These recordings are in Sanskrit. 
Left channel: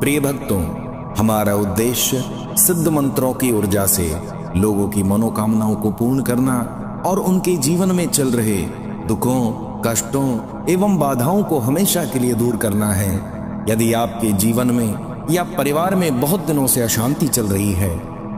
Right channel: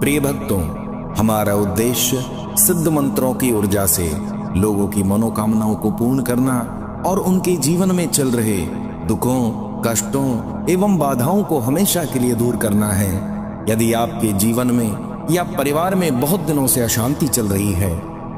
प्रिय भक्तों, हमारा उद्देश्य सिद्ध मंत्रों की ऊर्जा से लोगों की मनोकामनाओं को पूर्ण करना और उनके जीवन में चल रहे दुखों, कष्टों एवं बाधाओं को हमेशा के लिए दूर करना है। यदि आपके जीवन में या परिवार में बहुत दिनों से अशांति चल रही है,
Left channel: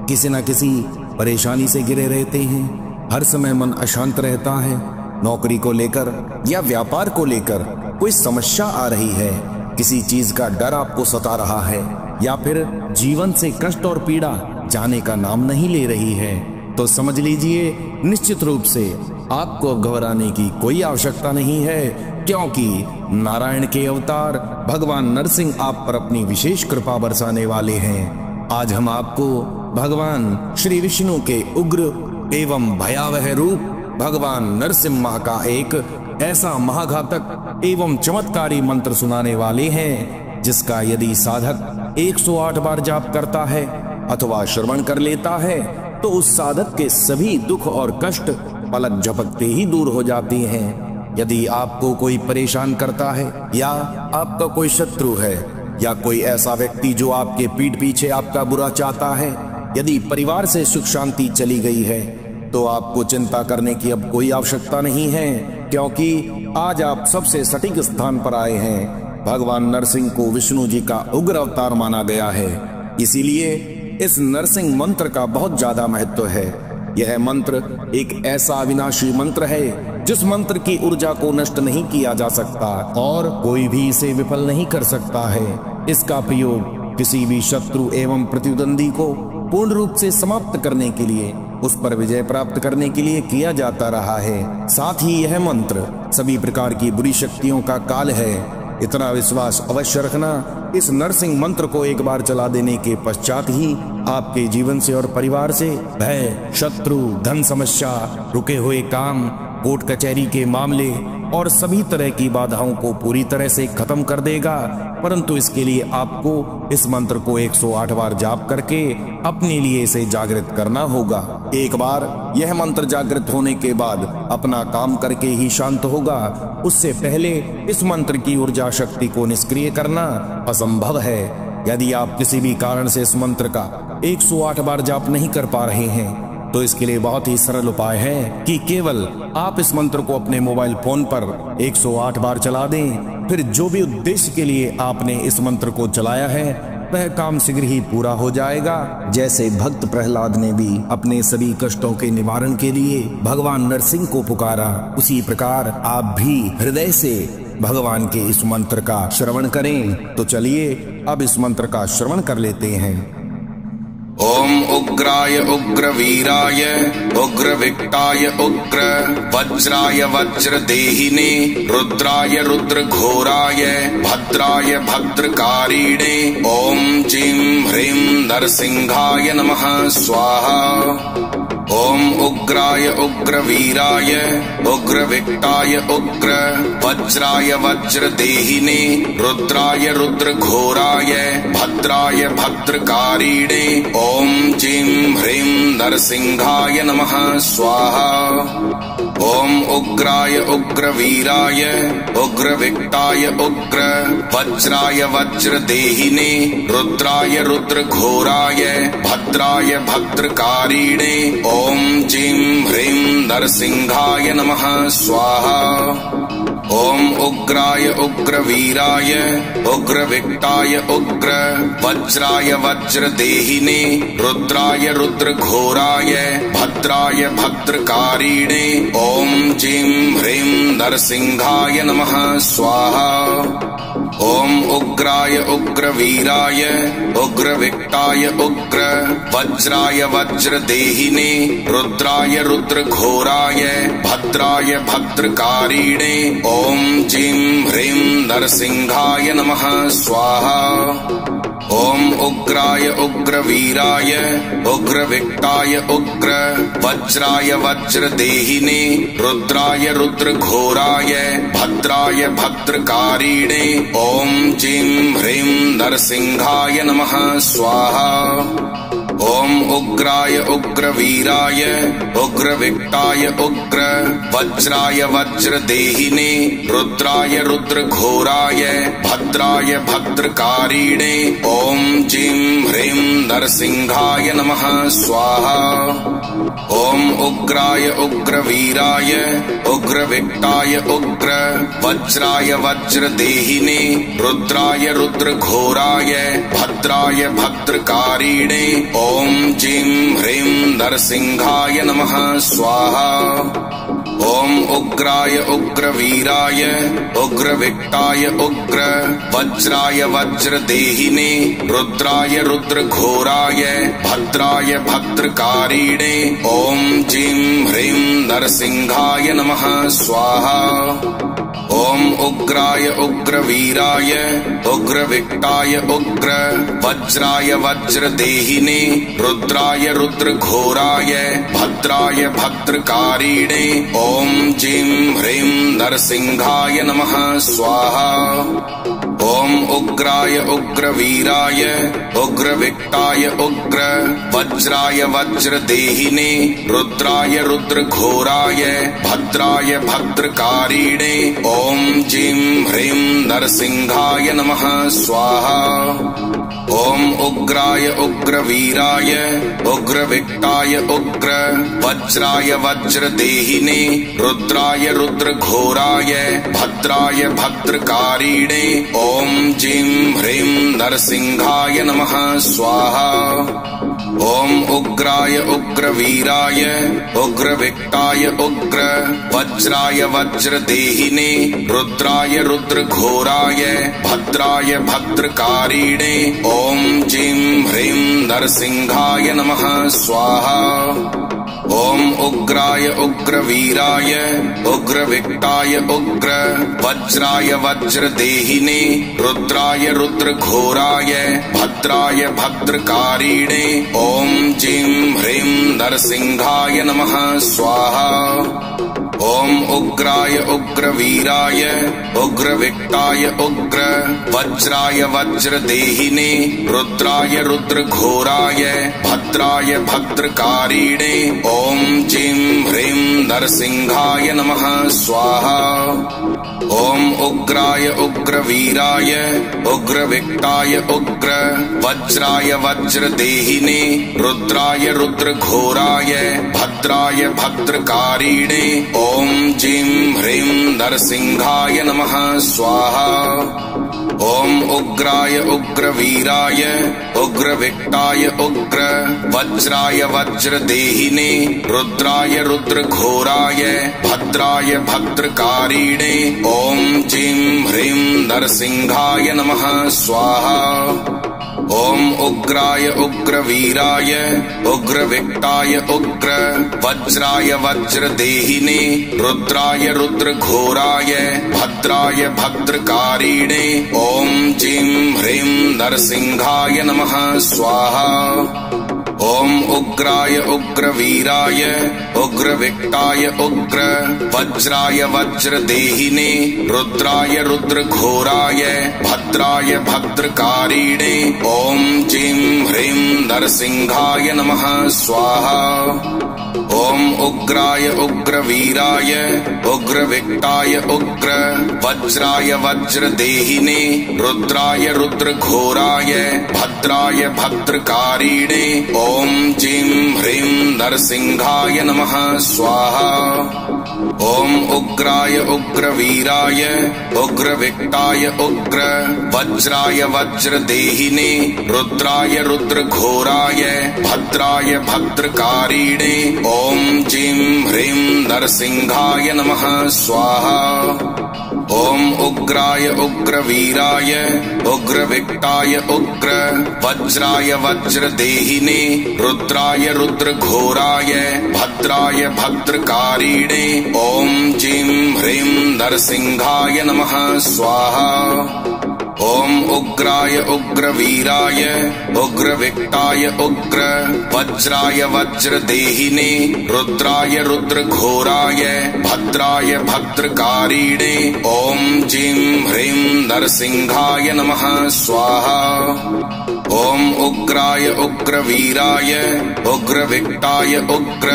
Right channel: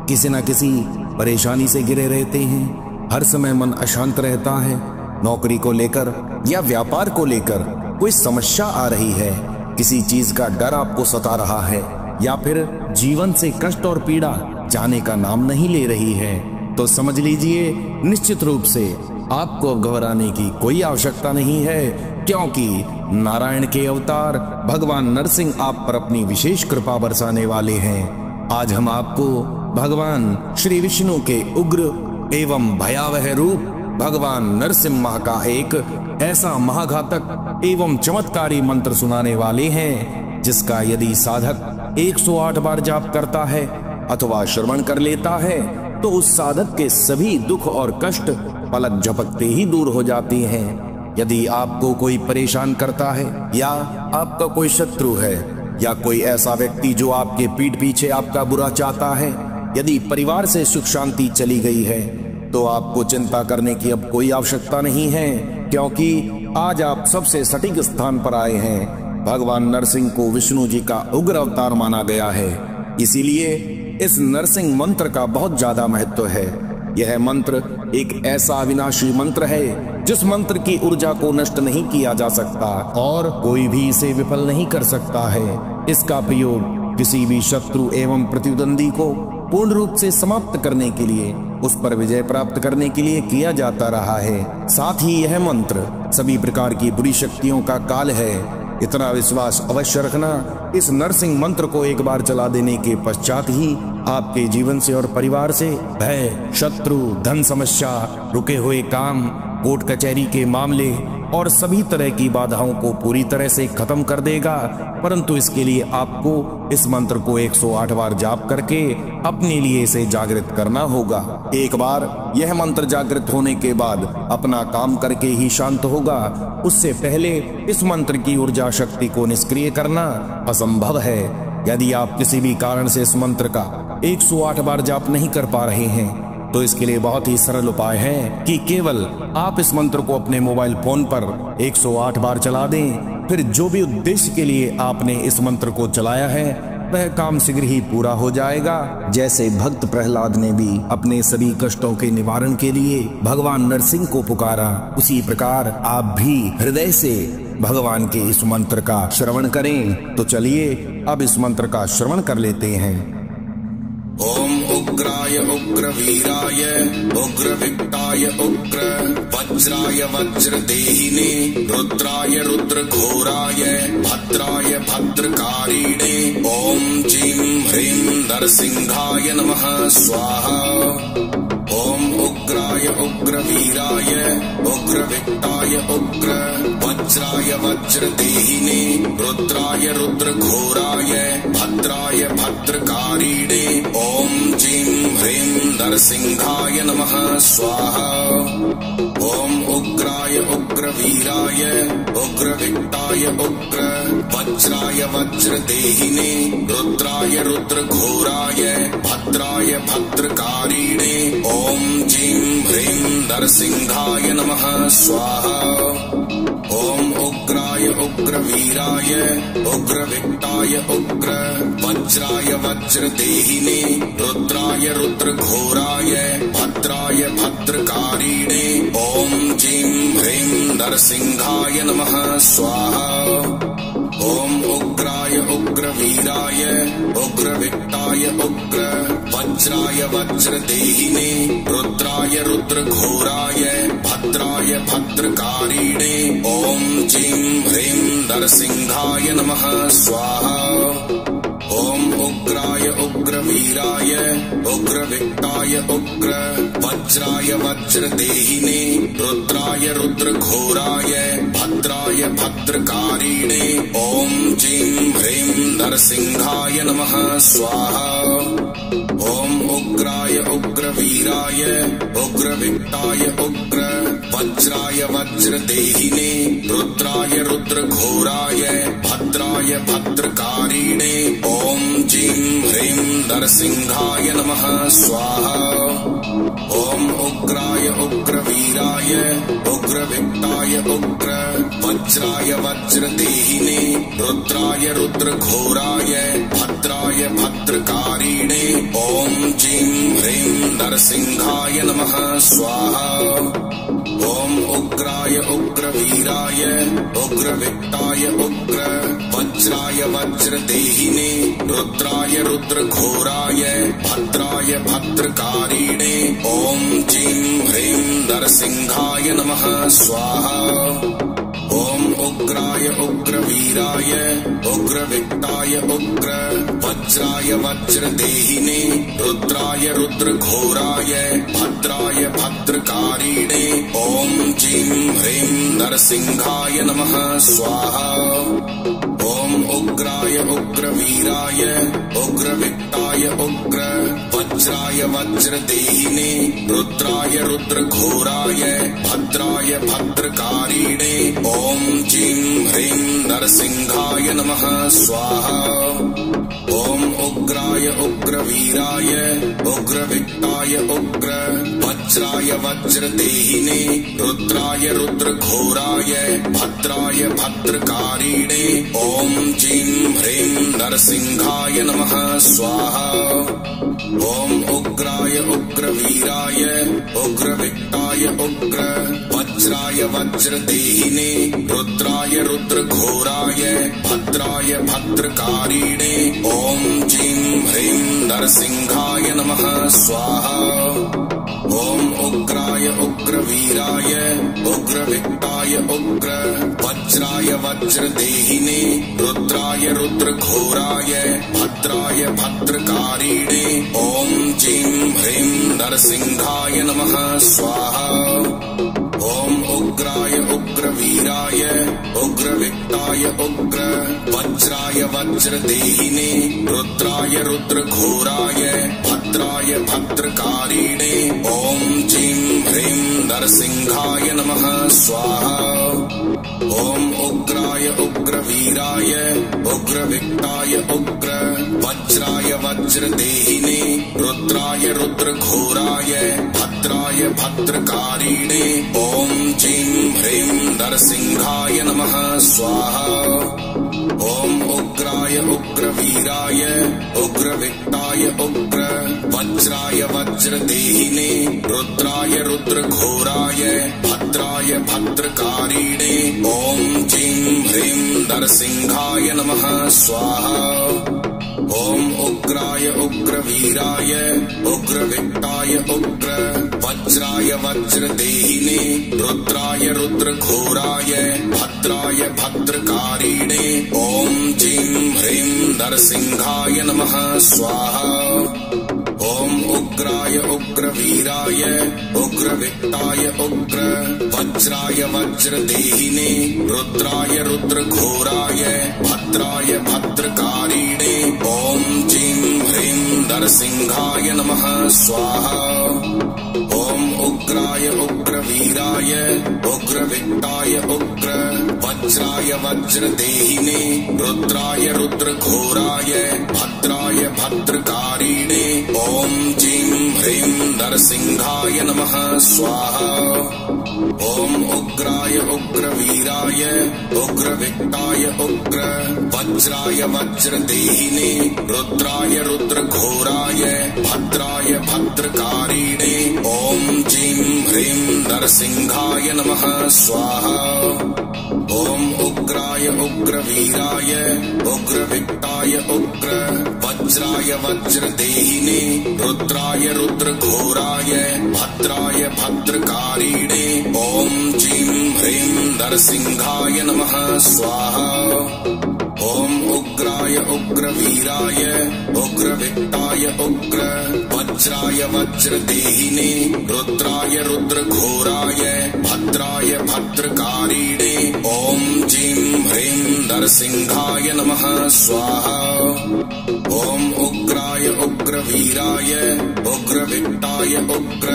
किसी न किसी परेशानी से घिरे रहते हैं, हर समय मन अशांत रहता है, नौकरी को लेकर या व्यापार को लेकर कोई समस्या आ रही है, किसी चीज का डर आपको सता रहा है या फिर जीवन से कष्ट और पीड़ा जाने का नाम नहीं ले रही है, तो समझ लीजिए निश्चित रूप से आपको अब घबराने की कोई आवश्यकता नहीं है, क्योंकि नारायण के अवतार भगवान नरसिंह आप पर अपनी विशेष कृपा बरसाने वाले हैं। आज हम आपको भगवान श्री विष्णु के उग्र एवं भयावह रूप भगवान नरसिंह मां का एक ऐसा महाघातक एवं चमत्कारी मंत्र सुनाने वाले हैं, जिसका यदि साधक 108 बार जाप करता है अथवा श्रवण कर लेता है तो उस साधक के सभी दुख और कष्ट पलक झपकते ही दूर हो जाती हैं। यदि आपको कोई परेशान करता है या आपका कोई शत्रु है या कोई ऐसा व्यक्ति जो आपके पीठ पीछे आपका बुरा चाहता है, यदि परिवार से सुख शांति चली गई है, तो आपको चिंता करने की अब कोई आवश्यकता नहीं है, क्योंकि आज आप सबसे सटीक स्थान पर आए हैं। भगवान नरसिंह को विष्णु जी का उग्र अवतार माना गया है, इसीलिए इस नरसिंह मंत्र का बहुत ज्यादा महत्व है। यह मंत्र एक ऐसा अविनाशी मंत्र है जिस मंत्र की ऊर्जा को नष्ट नहीं किया जा सकता और कोई भी इसे विफल नहीं कर सकता है। इसका प्रयोग किसी भी शत्रु एवं प्रतिद्वंदी को पूर्ण रूप से समाप्त करने के लिए, उस पर विजय प्राप्त करने के लिए किया जाता रहा है। साथ ही यह मंत्र सभी प्रकार की बुरी शक्तियों का काल है। इतना विश्वास अवश्य रखना, इस नरसिंह मंत्र को एक बार चला देने के पश्चात ही आपके जीवन से और परिवार से भय, शत्रु, धन समस्या, रुके हुए काम, कोर्ट कचहरी के मामले और सभी तरह की बाधाओं को पूरी तरह से खत्म कर देगा। परंतु इसके लिए आपको इस मंत्र को 108 बार जाप करके अपने लिए इसे जागृत करना होगा। एक बार यह मंत्र जागृत होने के बाद अपना काम करके ही शांत होगा। उससे पहले इस मंत्र की ऊर्जा शक्ति को निष्क्रिय करना असंभव है। यदि आप किसी भी कारण से इस मंत्र का 108 बार जाप नहीं कर पा रहे हैं, तो इसके लिए बहुत ही सरल उपाय है कि केवल आप इस मंत्र को अपने मोबाइल फोन पर 108 बार चला दें। फिर जो भी उद्देश्य के लिए आपने इस मंत्र को चलाया है वह काम शीघ्र ही पूरा हो जाएगा। जैसे भक्त प्रहलाद ने भी अपने सभी कष्टों के निवारण के लिए भगवान नरसिंह को पुकारा, उसी प्रकार आप भी हृदय से भगवान के इस मंत्र का श्रवण करें। तो चलिए अब इस मंत्र का श्रवण कर लेते हैं। ओम उग्राय उग्रवीराय उग्रविक्ताय उग्र वज्राय वज्रदेहिने रुद्राय रुद्रघोराय भद्राय भद्रकारिणे ओम जीं ह्रीं नरसिंहाय नमः स्वाहा। ओम उग्राय उग्रवीराय उग्रविक्ताय उग्र वज्राय वज्रदेहिने रुद्राय रुद्रघोराय भद्राय भद्रकारिणे ओम जीं ह्रीं नरसिंहाय नमः स्वाहा। ओम उग्राय उग्रवीराय उग्रविक्ताय उग्र वज्राय वज्रदेहिने रुद्राय रुद्रघोराय भद्राय भद्रकारिणे ओम जीं ह्रीं नरसिंहाय नमः स्वाहा। ओम उग्राय उग्रवीराय उग्रविक्ताय उग्र वज्राय वज्रदेहिने रुद्राय रुद्रघोराय भद्राय भद्रकारिणे ओम जीं ह्रीं नरसिंहाय नमः स्वाहा। ओम उग्राय उग्रवीराय उग्रविक्ताय उग्र वज्राय वज्रदेहिने रुद्राय रुद्रघोराय भद्राय भद्रकारिणे ओम जीं ह्रीं नरसिंहाय नमः स्वाहा। ओम उग्राय उग्रवीराय उग्रविक्ताय उग्र वज्राय वज्रदेहिने रुद्राय रुद्रघोराय भद्राय भद्रकारिणे ओम जीं ह्रीं नरसिंहाय नमः स्वाहा। ओम उग्राय उग्रवीराय उग्रविक्टाय उग्र वज्राय वज्रदेहिने रुद्राय रुद्रघोराय भद्राय भद्रकारिणे ओम जीं ह्रीं नरसिंहाय नमः स्वाहा। ओम उग्राय उग्रवीराय उग्रविक्टाय उग्र वज्राय वज्रदेहिने रुद्राय रुद्रघोराय भद्राय भद्रकारिणे ओम जीं ह्रीं नरसिंहाय नमः स्वाहा। ओम उग्राय उग्रवीराय उग्रविक्टाय उग्र वज्राय वज्रदेहिने रुद्राय रुद्रघोराय भद्राय भद्रकारिणे ओम जीं ह्रीं नरसिंहाय नमः स्वाहा। ओम उग्राय उग्रवीराय उग्रविक्टाय उग्र वज्राय वज्रदेहिने रुद्राय रुद्रघोराय भद्राय भद्रकारिणे ओम जीं ह्रीं नरसिंहाय नमः स्वाहा। ओम उग्राय उग्रवीराय उग्रविक्टाय उग्र वज्राय वज्रदेहिने रुद्राय रुद्रघोराय भद्राय भद्रकारिणे ओम जीं ह्रीं नरसिंहाय नमः स्वाहा। ओम उग्राय उग्रवीराय उग्रविक्टाय उग्र वज्राय वज्रदेहिने रुद्राय रुद्रघोराय भद्राय भद्रकारिणे ओम जीं ह्रीं नरसिंहाय नमः स्वाहा। ओम उग्राय उग्रवीराय उग्रविक्टाय उग्र वज्राय वज्रदेहिने रुद्राय रुद्रघोराय भद्राय भद्रकारिणे ओम जीं ह्रीं नरसिंहाय नमः स्वाहा। ओम उग्राय उग्रवीराय उग्रविक्टाय उग्र वज्राय वज्रदेहिने रुद्राय रुद्रघोराय भद्राय भद्रकारिणे ओम जीं ह्रीं नरसिंहाय नमः स्वाहा। ओम उग्राय उग्रवीराय उग्रविक्टाय उग्र वज्राय वज्रदेहिने रुद्राय रुद्रघोराय भद्राय भद्रकारिणे ओम जीं ह्रीं नरसिंहाय नमः स्वाहा। ओम उग्राय उग्रवीराय उग्रविक्टाय उग्र वज्राय वज्रदेहिने रुद्राय रुद्रघोराय भद्राय भद्रकारिणे ओम जीं ह्रीं नरसिंहाय नमः स्वाहा। ओम उग्राय उग्रवीराय उग्रविक्टाय उग्र वज्राय वज्रदेहिने रुद्राय रुद्रघोराय भद्राय भद्रकारिणे ओम जीं ह्रीं नरसिंहाय नमः स्वाहा। ओम उग्राय उग्रवीराय उग्रविक्टाय उग्र वज्राय वज्रदेहिने रुद्राय रुद्रघोराय भद्राय भद्रकारिणे ओम जीं ह्रीं नरसिंहाय नमः स्वाहा। ओम उग्राय उग्रवीराय उग्रविक्टाय उग्र वज्राय वज्रदेहिने रुद्राय रुद्रघोराय भद्राय भद्रकारिणे ओम जीं ह्रीं नरसिंहाय नमः स्वाहा। ओम उग्राय उग्रवीराय उग्रविक्टाय उग्र वज्राय वज्रदेहिने रुद्राय रुद्रघोराय भद्राय भद्रकारिणे ओम जीं ह्रीं नरसिंहाय नमः स्वाहा। ओम उग्राय उग्रवीराय उग्रविक्टाय उग्र वज्राय वज्रदेहिने रुद्राय रुद्रघोराय भद्राय भद्रकारिणे ओम जीं ह्रीं नरसिंहाय नमः स्वाहा। ओम उग्राय उग्रवीराय उग्रविक्टाय उग्र वज्राय वज्रदेहिने रुद्राय रुद्रघोराय भद्राय भद्रकारिणे ओम जीं ह्रीं नरसिंहाय नमः स्वाहा। ओम उग्राय उग्रवीराय उग्रविक्टाय उग्र वज्राय वज्रदेहिने रुद्राय रुद्रघोराय भद्राय भद्रकारिणे ओम जीं ह्रीं नरसिंहाय नमः स्वाहा। ॐ उग्राय उग्रवीराय उग्रविक्टाय उग्र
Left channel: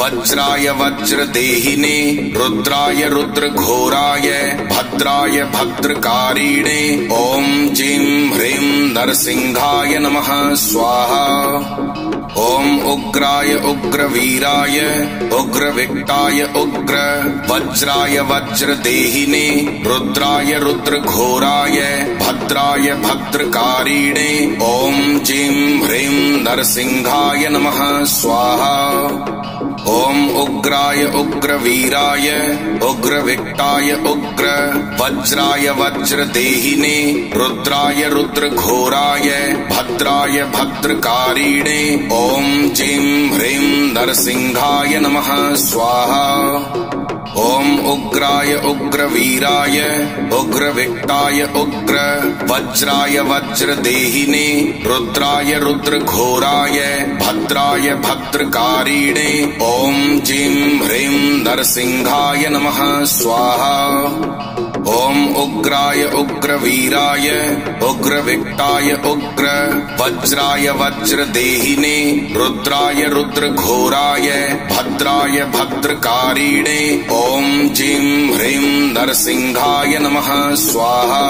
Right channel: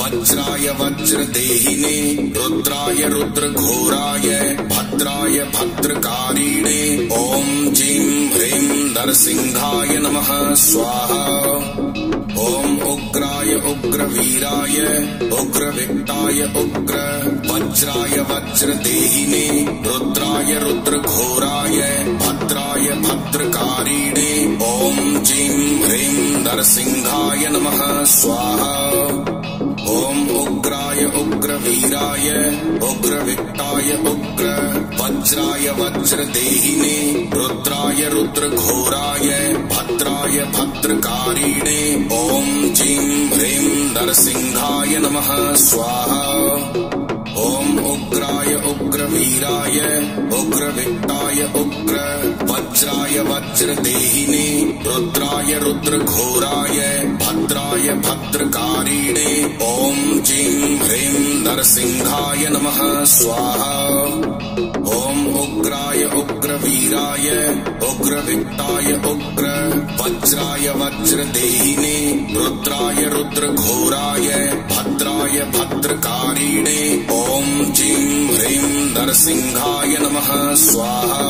वज्राय वज्रदेहिने रुद्राय रुद्रघोराय भद्राय भद्रकारिणे ॐ जीं ह्रीं नरसिंहाय नमः स्वाहा। ॐ उग्राय उग्रवीराय उग्रविक्टाय उग्र वज्राय वज्रदेहिने रुद्राय रुद्रघोराय भद्राय भद्रकारिणे ॐ जीं ह्रीं नरसिंहाय नमः स्वाहा। ॐ उग्राय उग्रवीराय उग्रविक्टाय उग्र वज्राय वज्रदेहिने रुद्राय रुद्रघोराय भद्राय भद्रकारिणे ॐ जीं ह्रीं नरसिंहाय नमः स्वाहा। ॐ उग्राय उग्रवीराय उग्रविक्टाय उग्र वज्राय वज्रदेहिने रुद्राय रुद्रघोराय भद्राय भद्रकारिणे ॐ जीं ह्रीं नरसिंहाय नमः स्वाहा। ॐ उग्राय उग्रवीराय उग्रविक्टाय उग्र वज्राय वज्रदेहिने रुद्राय रुद्रघोराय भद्राय भद्रकारिणे ॐ जीं ह्रीं नरसिंहाय नमः स्वाहा।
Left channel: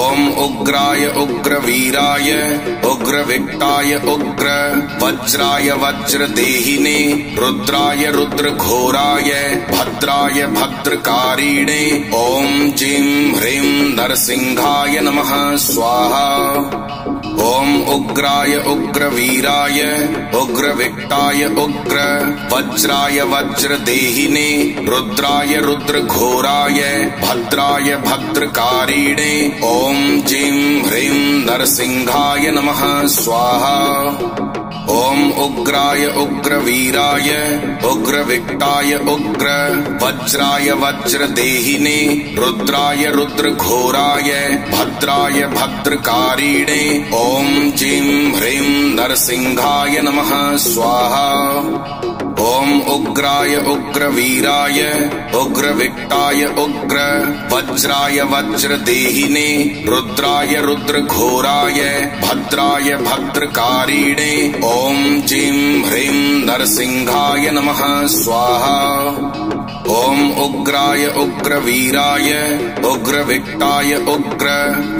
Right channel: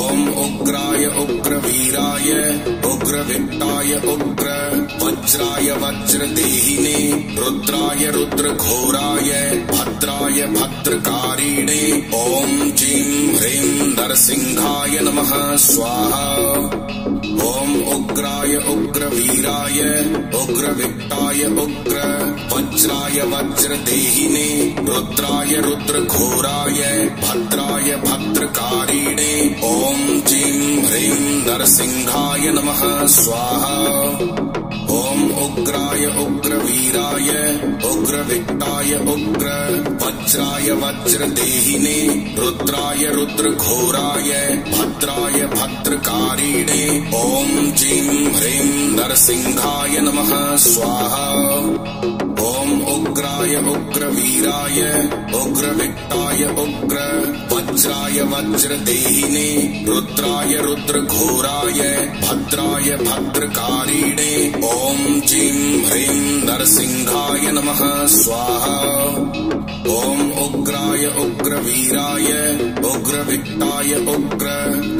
ॐ उग्राय उग्रवीराय उग्रविक्टाय उग्र वज्राय वज्रदेहिने रुद्राय रुद्रघोराय भद्राय भद्रकारिणे ॐ जीं ह्रीं नरसिंहाय नमः स्वाहा। ॐ उग्राय उग्रवीराय उग्रविक्टाय उग्र वज्राय वज्रदेहिने रुद्राय रुद्रघोराय भद्राय भद्रकारिणे ॐ जीं ह्रीं नरसिंहाय नमः स्वाहा। ॐ उग्राय उग्रवीराय उग्रविक्टाय उग्र वज्राय वज्रदेहिने रुद्राय रुद्रघोराय भद्राय भद्रकारिणे ॐ जीं ह्रीं नरसिंहाय नमः स्वाहा। ॐ उग्राय उग्रवीराय उग्रविक्टाय उग्र वज्राय वज्रदेहिने रुद्राय रुद्रघोराय भद्राय भद्रकारिणे ॐ जीं ह्रीं नरसिंहाय नमः स्वाहा। ॐ उग्राय उग्रवीराय उग्रविक्टाय उग्र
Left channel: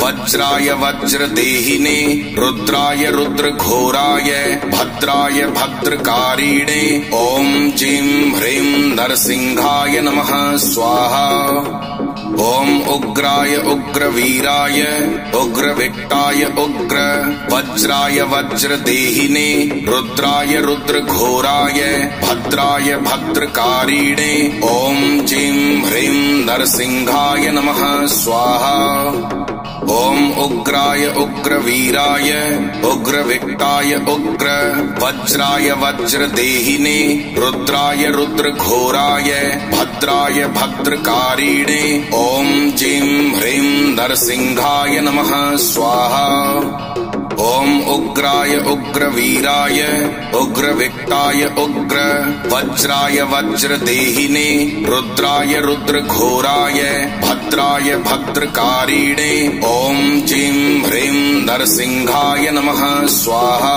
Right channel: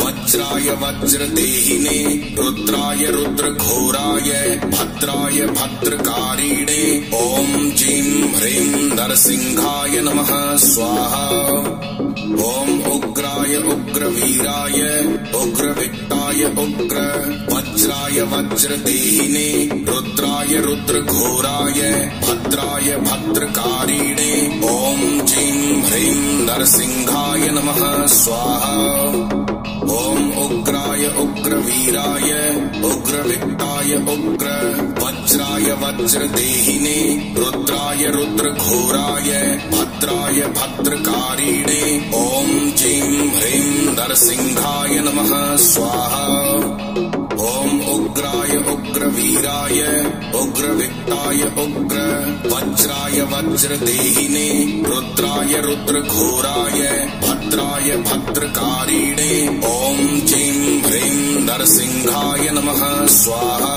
वज्राय वज्रदेहिने रुद्राय रुद्रघोराय भद्राय भद्रकारिणे ॐ जीं ह्रीं नरसिंहाय नमः स्वाहा। ॐ उग्राय उग्रवीराय उग्रविक्टाय उग्र वज्राय वज्रदेहिने रुद्राय रुद्रघोराय भद्राय भद्रकारिणे ॐ जीं ह्रीं नरसिंहाय नमः स्वाहा। ॐ उग्राय उग्रवीराय उग्रविक्टाय उग्र वज्राय वज्रदेहिने रुद्राय रुद्रघोराय भद्राय भद्रकारिणे ॐ जीं ह्रीं नरसिंहाय नमः स्वाहा। ॐ उग्राय उग्रवीराय उग्रविक्टाय उग्र वज्राय वज्रदेहिने रुद्राय रुद्रघोराय भद्राय भद्रकारिणे ॐ जीं ह्रीं नरसिंहाय नमः स्वाहा।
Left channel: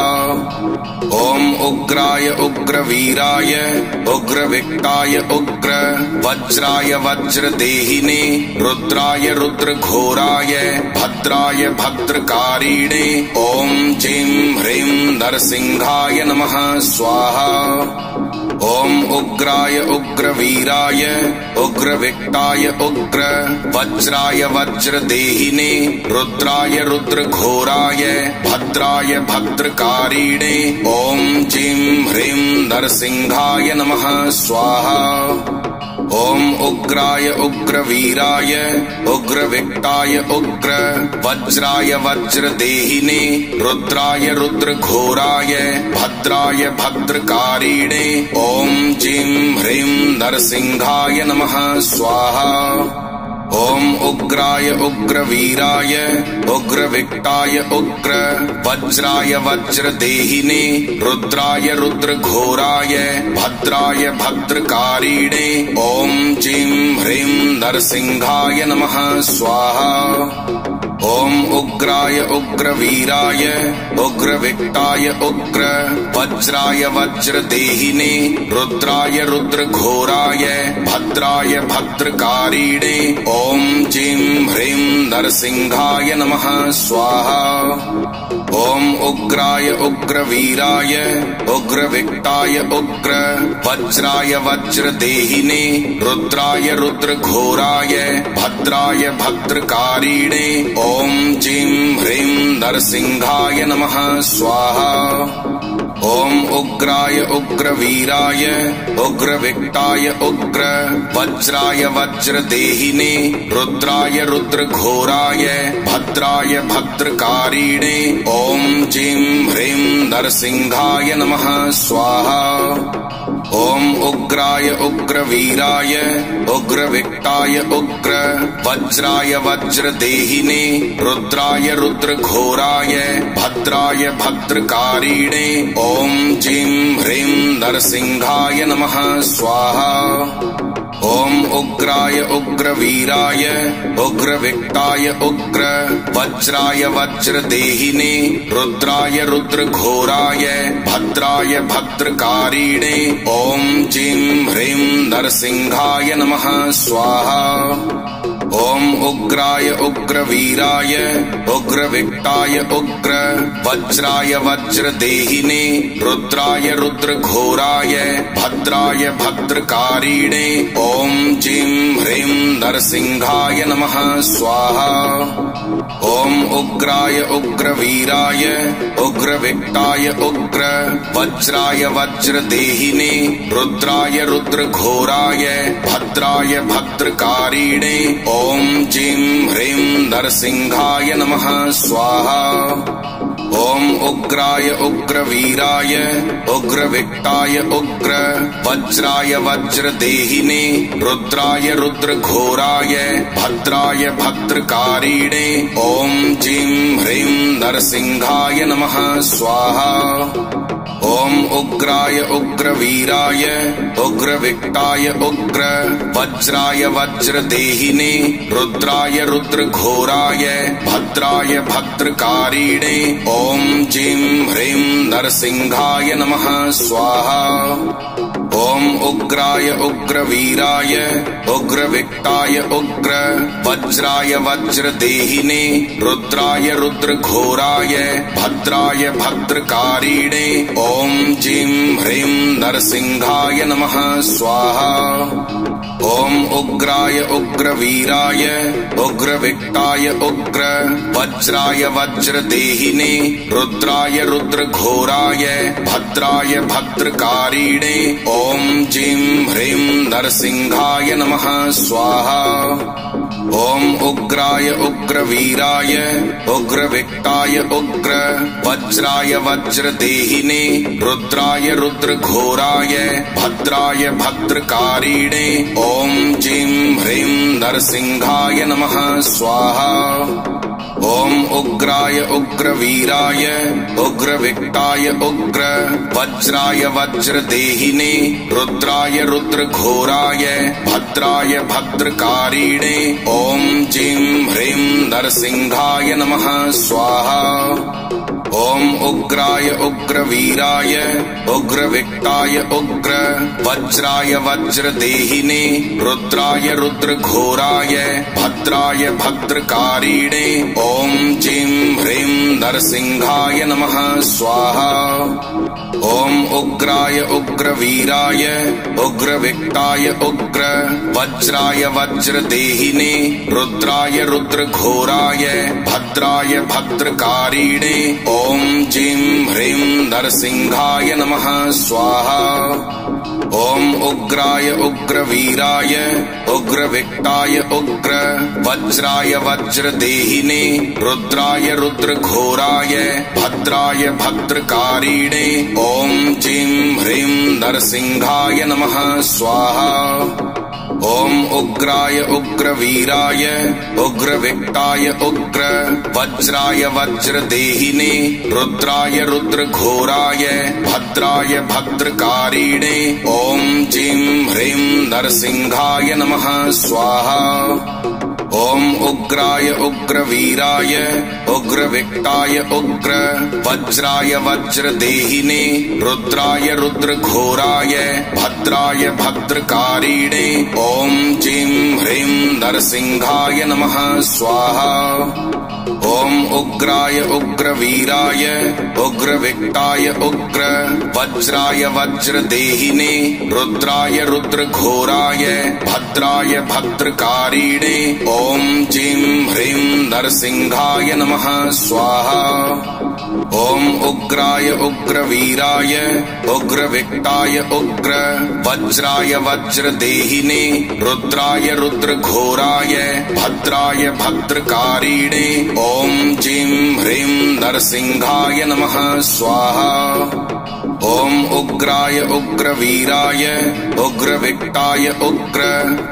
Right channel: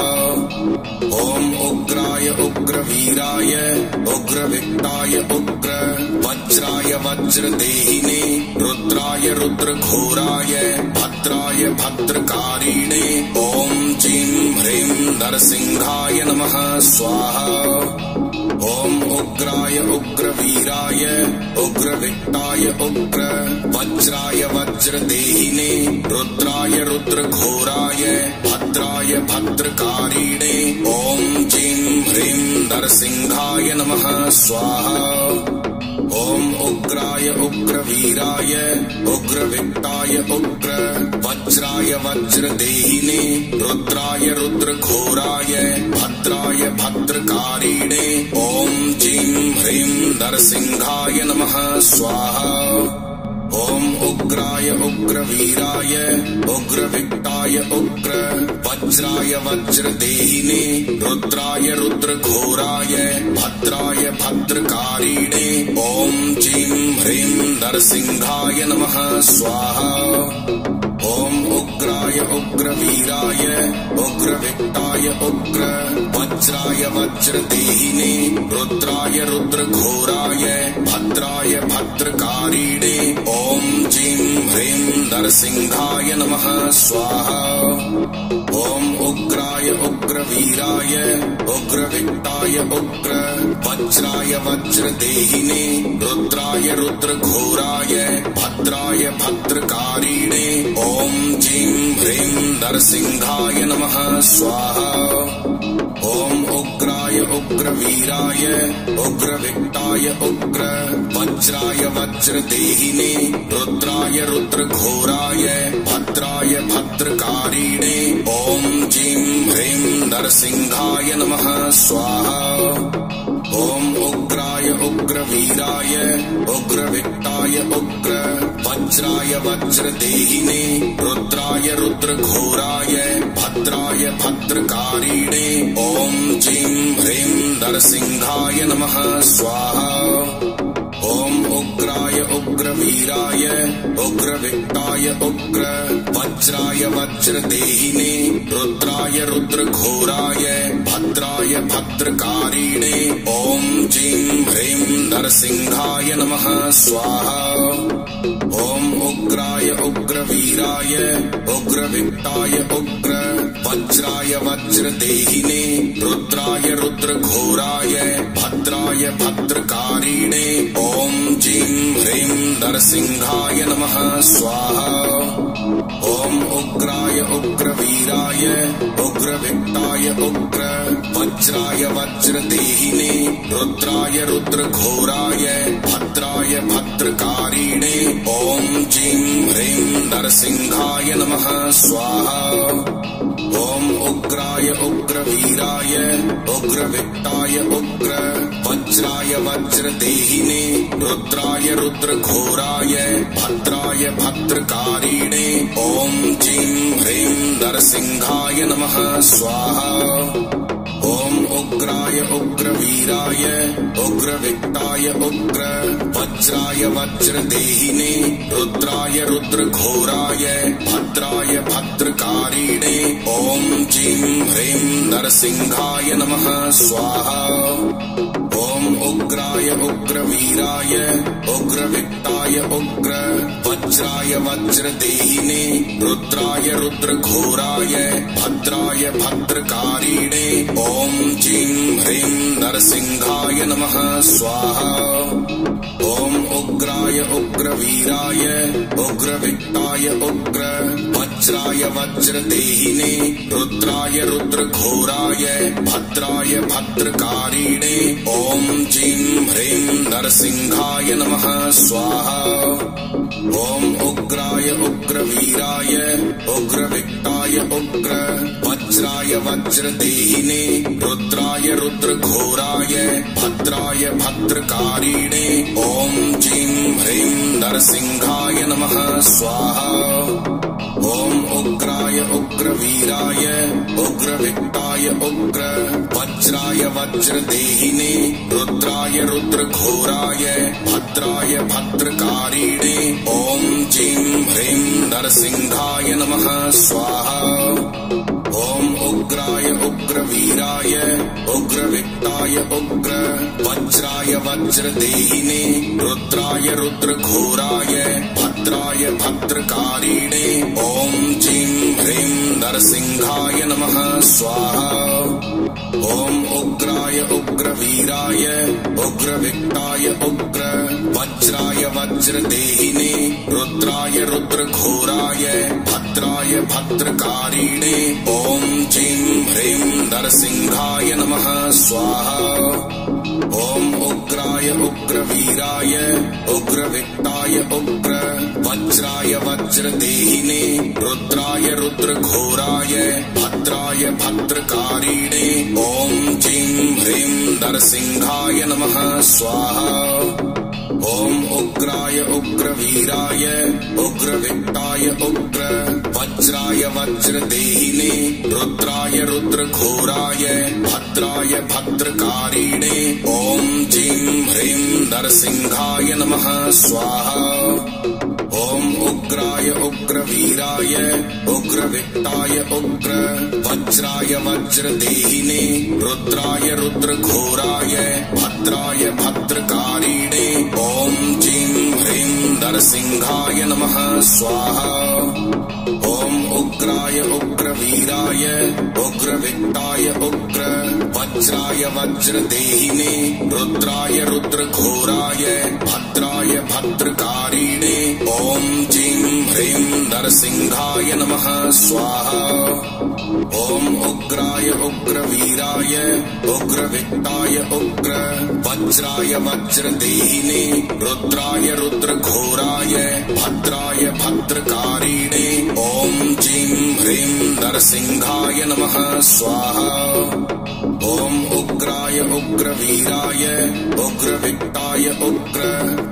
ॐ उग्राय उग्रवीराय उग्रविक्टाय उग्र वज्राय वज्रदेहिने रुद्राय रुद्रघोराय भद्राय भद्रकारिणे ॐ जीं ह्रीं नरसिंहाय नमः स्वाहा। ॐ उग्राय उग्रवीराय उग्रविक्टाय उग्र वज्राय वज्रदेहिने रुद्राय रुद्रघोराय भद्राय भद्रकारिणे ॐ जीं ह्रीं नरसिंहाय नमः स्वाहा। ॐ उग्राय उग्रवीराय उग्रविक्टाय उग्र वज्राय वज्रदेहिने रुद्राय रुद्रघोराय भद्राय भद्रकारिणे ॐ जीं ह्रीं नरसिंहाय नमः स्वाहा। ओम उग्राय उग्रवीराय उग्रविक्टाय उग्र वज्राय वज्रदेहिने रुद्राय रुद्रघोराय भद्राय भद्रकारिणे ओम जीं ह्रीं नरसिंहाय नमः स्वाहा। ओम उग्राय उग्रवीराय उग्रविक्टाय उग्र वज्राय वज्रदेहिने रुद्राय रुद्रघोराय भद्राय भद्रकारिणे ओम जीं ह्रीं नरसिंहाय नमः स्वाहा। ओम उग्राय उग्रवीराय उग्रविक्टाय उग्र वज्राय वज्रदेहिने रुद्राय रुद्रघोराय भद्राय भद्रकारिणे ओम जीं ह्रीं नरसिंहाय नमः स्वाहा। ओम उग्राय उग्रवीराय उग्रविक्टाय उग्र वज्राय वज्रदेहिने रुद्राय रुद्रघोराय भद्राय भद्रकारिणे ओम जीं ह्रीं नरसिंहाय नमः स्वाहा। ओम उग्राय उग्रवीराय उग्रविक्टाय उग्र वज्राय वज्रदेहिने रुद्राय रुद्रघोराय भद्राय भद्रकारिणे ओम जीं ह्रीं नरसिंहाय नमः स्वाहा। ओम उग्राय उग्रवीराय उग्रविक्टाय उग्र वज्राय वज्रदेहिने रुद्राय रुद्रघोराय भद्राय भद्रकारिणे ओम जीं ह्रीं नरसिंहाय नमः स्वाहा। ओम उग्राय उग्रवीराय उग्रविक्टाय उग्र वज्राय वज्रदेहिने रुद्राय रुद्रघोराय भद्राय भद्रकारिणे ओम जीं ह्रीं नरसिंहाय नमः स्वाहा। ओम उग्राय उग्रवीराय उग्रविक्टाय उग्र वज्राय वज्रदेहिने रुद्राय रुद्रघोराय भद्राय भद्रकारिणे ओम जीं ह्रीं नरसिंहाय नमः स्वाहा। ओम उग्राय उग्रवीराय उग्रविक्टाय उग्र वज्राय वज्रदेहिने रुद्राय रुद्रघोराय भद्राय भद्रकारिणे ओम जीं ह्रीं नरसिंहाय नमः स्वाहा। ओम उग्राय उग्रवीराय उग्रविक्टाय उग्र वज्राय वज्रदेहिने रुद्राय रुद्रघोराय भद्राय भद्रकारिणे ओम जीं ह्रीं नरसिंहाय नमः स्वाहा। ओम उग्राय उग्रवीराय उग्रविक्टाय उग्र वज्राय वज्रदेहिने रुद्राय रुद्रघोराय भद्राय भद्रकारिणे ओम जीं ह्रीं नरसिंहाय नमः स्वाहा। ओम उग्राय उग्रवीराय उग्रविक्टाय उग्र वज्राय वज्रदेहिने रुद्राय रुद्रघोराय भद्राय भद्रकारिणे ओम जीं ह्रीं नरसिंहाय नमः स्वाहा। ओम उग्राय उग्रवीराय उग्रविक्टाय उग्र वज्राय वज्रदेहिने रुद्राय रुद्रघोराय भद्राय भद्रकारिणे ओम जीं ह्रीं नरसिंहाय नमः स्वाहा। ओम उग्राय उग्रवीराय उग्रविक्टाय उग्र वज्राय वज्रदेहिने रुद्राय रुद्रघोराय भद्राय भद्रकारिणे ओम जीं ह्रीं नरसिंहाय नमः स्वाहा। ओम उग्राय उग्रवीराय उग्रविक्टाय उग्र वज्राय वज्रदेहिने रुद्राय रुद्रघोराय भद्राय भद्रकारिणे ओम जीं ह्रीं नरसिंहाय नमः स्वाहा। ओम उग्राय उग्रवीराय उग्रविक्टाय उग्र वज्राय वज्रदेहिने रुद्राय रुद्रघोराय भद्राय भद्रकारिणे ओम जीं ह्रीं नरसिंहाय नमः स्वाहा। ओम उग्राय उग्रवीराय उग्रविक्टाय उग्र वज्राय वज्रदेहिने रुद्राय रुद्रघोराय भद्राय भद्रकारिणे ओम जीं ह्रीं नरसिंहाय नमः स्वाहा। ओम उग्राय उग्रवीराय उग्रविक्ताय उग्र वज्राय वज्रदेहिने रुद्राय रुद्रघोराय भद्राय भद्रकारिणे ओम जीं ह्रीं नरसिंहाय नमः स्वाहा। ओम उग्राय उग्रवीराय उग्रविक्ताय उग्र वज्राय वज्रदेहिने रुद्राय रुद्रघोराय भद्राय भद्रकारिणे ओम जीं ह्रीं नरसिंहाय नमः स्वाहा। ओम उग्राय उग्रवीराय उग्रविक्ताय उग्र वज्राय वज्रदेहिने रुद्राय रुद्रघोराय भद्राय भद्रकारिणे ओम जीं ह्रीं नरसिंहाय नमः स्वाहा। ओम उग्राय उग्रवीराय उग्रविक्ताय उग्र वज्राय वज्रदेहिने रुद्राय रुद्रघोराय भद्राय भद्रकारिणे ओम जीं ह्रीं नरसिंहाय नमः स्वाहा। ओम उग्राय उग्रवीराय उग्रविक्ताय उग्र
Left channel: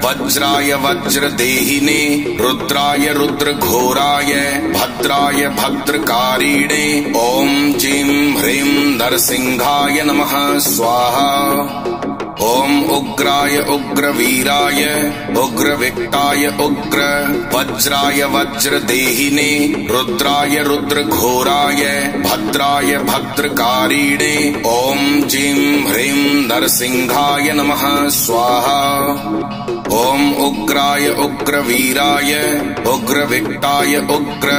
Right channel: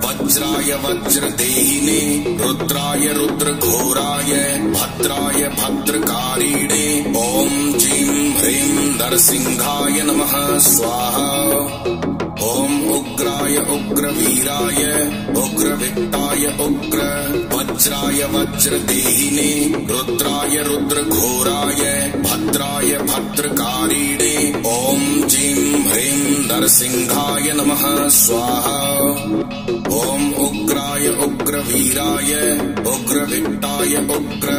वज्राय वज्रदेहिने रुद्राय रुद्रघोराय भद्राय भद्रकारिणे ओम जीं ह्रीं नरसिंहाय नमः स्वाहा। ओम उग्राय उग्रवीराय उग्रविक्ताय उग्र वज्राय वज्रदेहिने रुद्राय रुद्रघोराय भद्राय भद्रकारिणे ओम जीं ह्रीं नरसिंहाय नमः स्वाहा। ओम उग्राय उग्रवीराय उग्रविक्ताय उग्र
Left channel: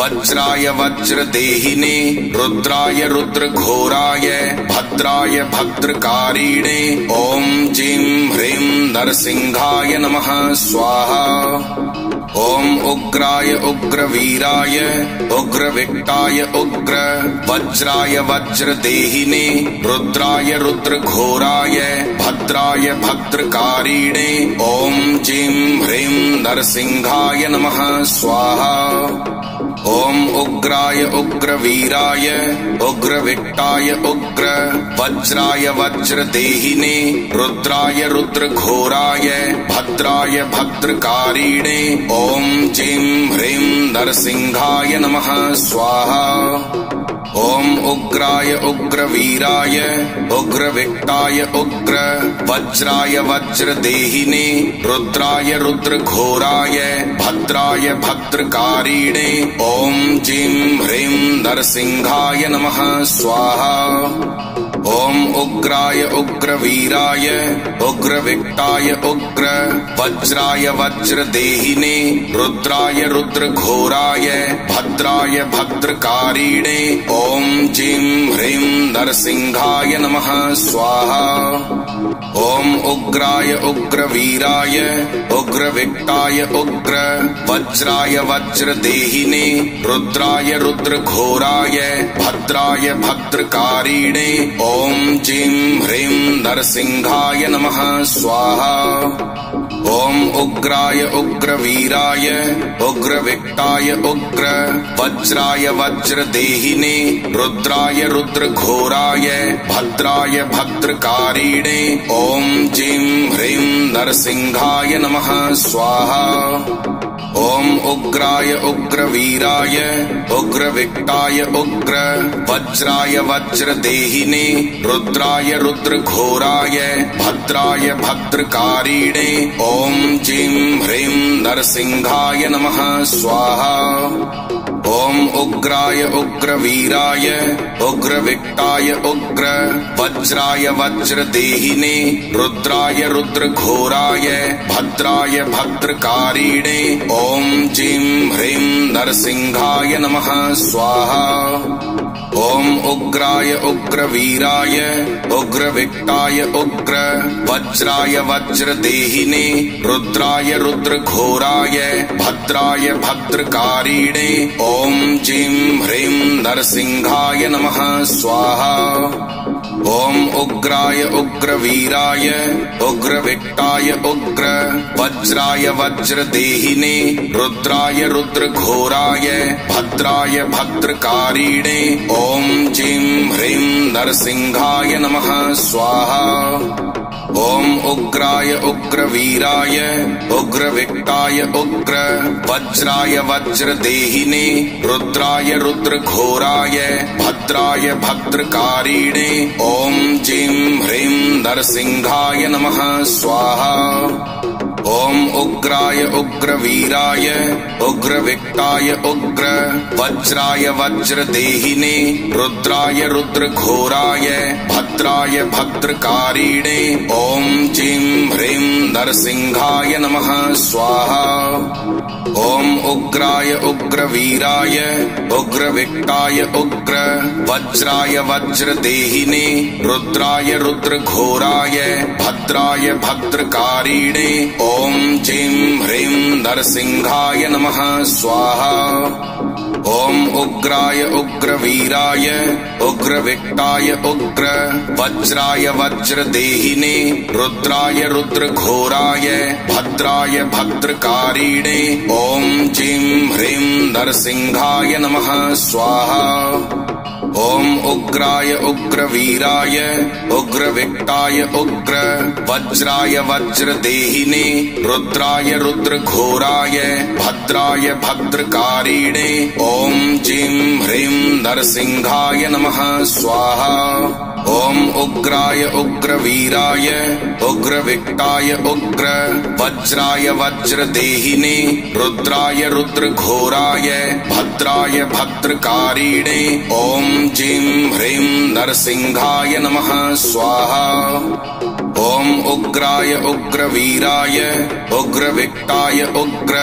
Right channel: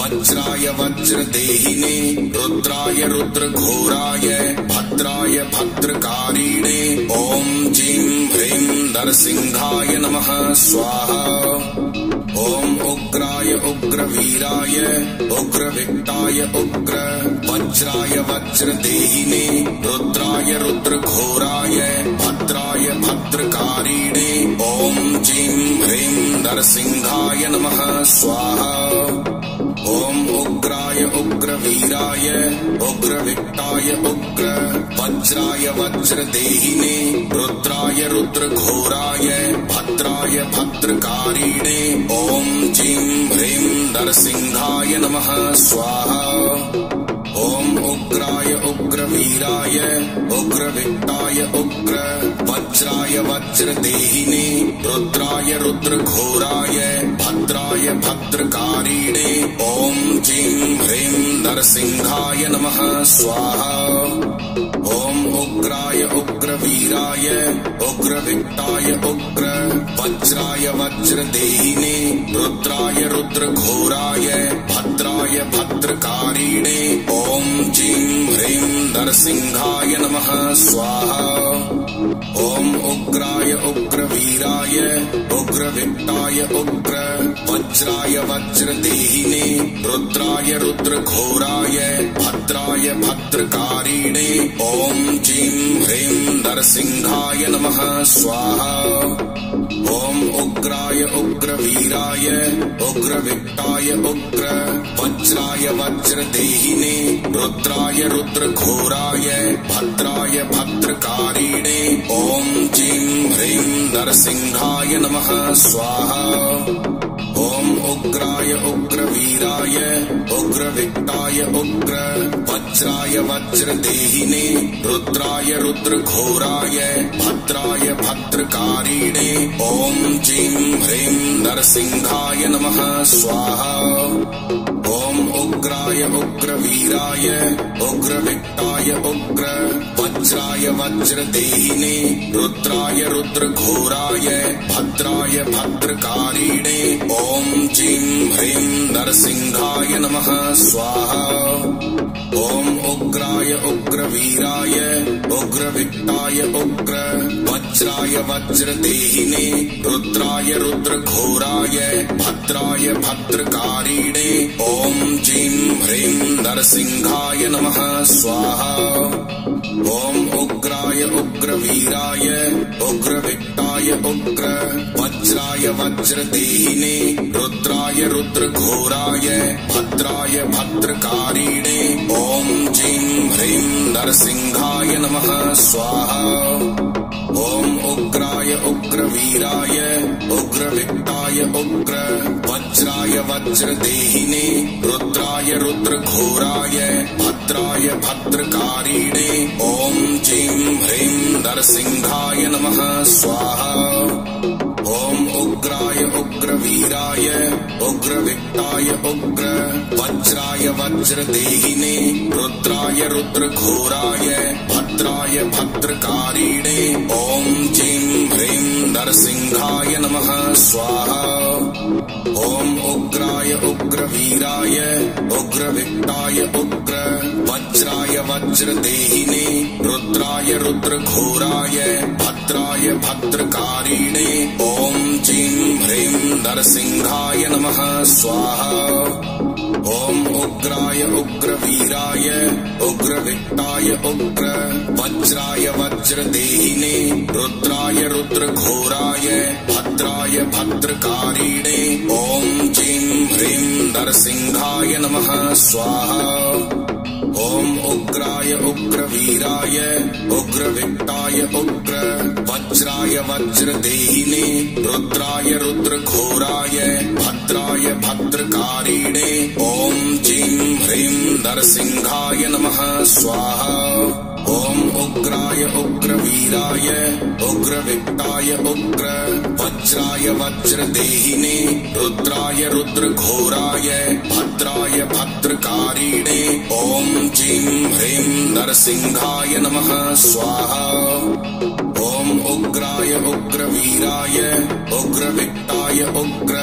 वज्राय वज्रदेहिने रुद्राय रुद्रघोराय भद्राय भद्रकारिणे ओम जीं ह्रीं नरसिंहाय नमः स्वाहा। ओम उग्राय उग्रवीराय उग्रविक्ताय उग्र वज्राय वज्रदेहिने रुद्राय रुद्रघोराय भद्राय भद्रकारिणे ओम जीं ह्रीं नरसिंहाय नमः स्वाहा। ओम उग्राय उग्रवीराय उग्रविक्ताय उग्र वज्राय वज्रदेहिने रुद्राय रुद्रघोराय भद्राय भद्रकारिणे ओम जीं ह्रीं नरसिंहाय नमः स्वाहा। ओम उग्राय उग्रवीराय उग्रविक्ताय उग्र वज्राय वज्रदेहिने रुद्राय रुद्रघोराय भद्राय भद्रकारिणे ओम जीं ह्रीं नरसिंहाय नमः स्वाहा। ओम उग्राय उग्रवीराय उग्रविक्ताय उग्र वज्राय वज्रदेहिने रुद्राय रुद्रघोराय भद्राय भद्रकारिणे ओम जीं ह्रीं नरसिंहाय नमः स्वाहा। ओम उग्राय उग्रवीराय उग्रविक्ताय उग्र वज्राय वज्रदेहिने रुद्राय रुद्रघोराय भद्राय भद्रकारिणे ओम जीं ह्रीं नरसिंहाय नमः स्वाहा। ओम उग्राय उग्रवीराय उग्रविक्ताय उग्र वज्राय वज्रदेहिने रुद्राय रुद्रघोराय भद्राय भद्रकारिणे ओम जीं ह्रीं नरसिंहाय नमः स्वाहा। ओम उग्राय उग्रवीराय उग्रविक्ताय उग्र वज्राय वज्रदेहिने रुद्राय रुद्रघोराय भद्राय भद्रकारिणे ओम जीं ह्रीं नरसिंहाय नमः स्वाहा। ओम उग्राय उग्रवीराय उग्रविक्ताय उग्र वज्राय वज्रदेहिने रुद्राय रुद्रघोराय भद्राय भद्रकारिणे ओम जीं ह्रीं नरसिंहाय नमः स्वाहा। ओम उग्राय उग्रवीराय उग्रविक्ताय उग्र वज्राय वज्रदेहिने रुद्राय रुद्रघोराय भद्राय भद्रकारिणे ओम जीं ह्रीं नरसिंहाय नमः स्वाहा। ओम उग्राय उग्रवीराय उग्रविक्ताय उग्र वज्राय वज्रदेहिने रुद्राय रुद्रघोराय भद्राय भद्रकारिणे ओम जीं ह्रीं नरसिंहाय नमः स्वाहा। ओम उग्राय उग्रवीराय उग्रविक्ताय उग्र वज्राय वज्रदेहिने रुद्राय रुद्रघोराय भद्राय भद्रकारिणे ओम जीं ह्रीं नरसिंहाय नमः स्वाहा। ओम उग्राय उग्रवीराय उग्रविक्ताय उग्र वज्राय वज्रदेहिने रुद्राय रुद्रघोराय भद्राय भद्रकारिणे ओम जीं ह्रीं नरसिंहाय नमः स्वाहा। ओम उग्राय उग्रवीराय उग्रविक्ताय उग्र वज्राय वज्रदेहिने रुद्राय रुद्रघोराय भद्राय भद्रकारिणे ओम जीं ह्रीं नरसिंहाय नमः स्वाहा। ओम उग्राय उग्रवीराय उग्रविक्ताय उग्र वज्राय वज्रदेहिने रुद्राय रुद्रघोराय भद्राय भद्रकारिणे ओम जीं ह्रीं नरसिंहाय नमः स्वाहा। ओम उग्राय उग्रवीराय उग्रविक्ताय उग्र वज्राय वज्रदेहिने रुद्राय रुद्रघोराय भद्राय भद्रकारिणे ओम जीं ह्रीं नरसिंहाय नमः स्वाहा। ओम उग्राय उग्रवीराय उग्रविक्ताय उग्र वज्राय वज्रदेहिने रुद्राय रुद्रघोराय भद्राय भद्रकारिणे ओम जीं ह्रीं नरसिंहाय नमः स्वाहा। ओम उग्राय उग्रवीराय उग्रविक्ताय उग्र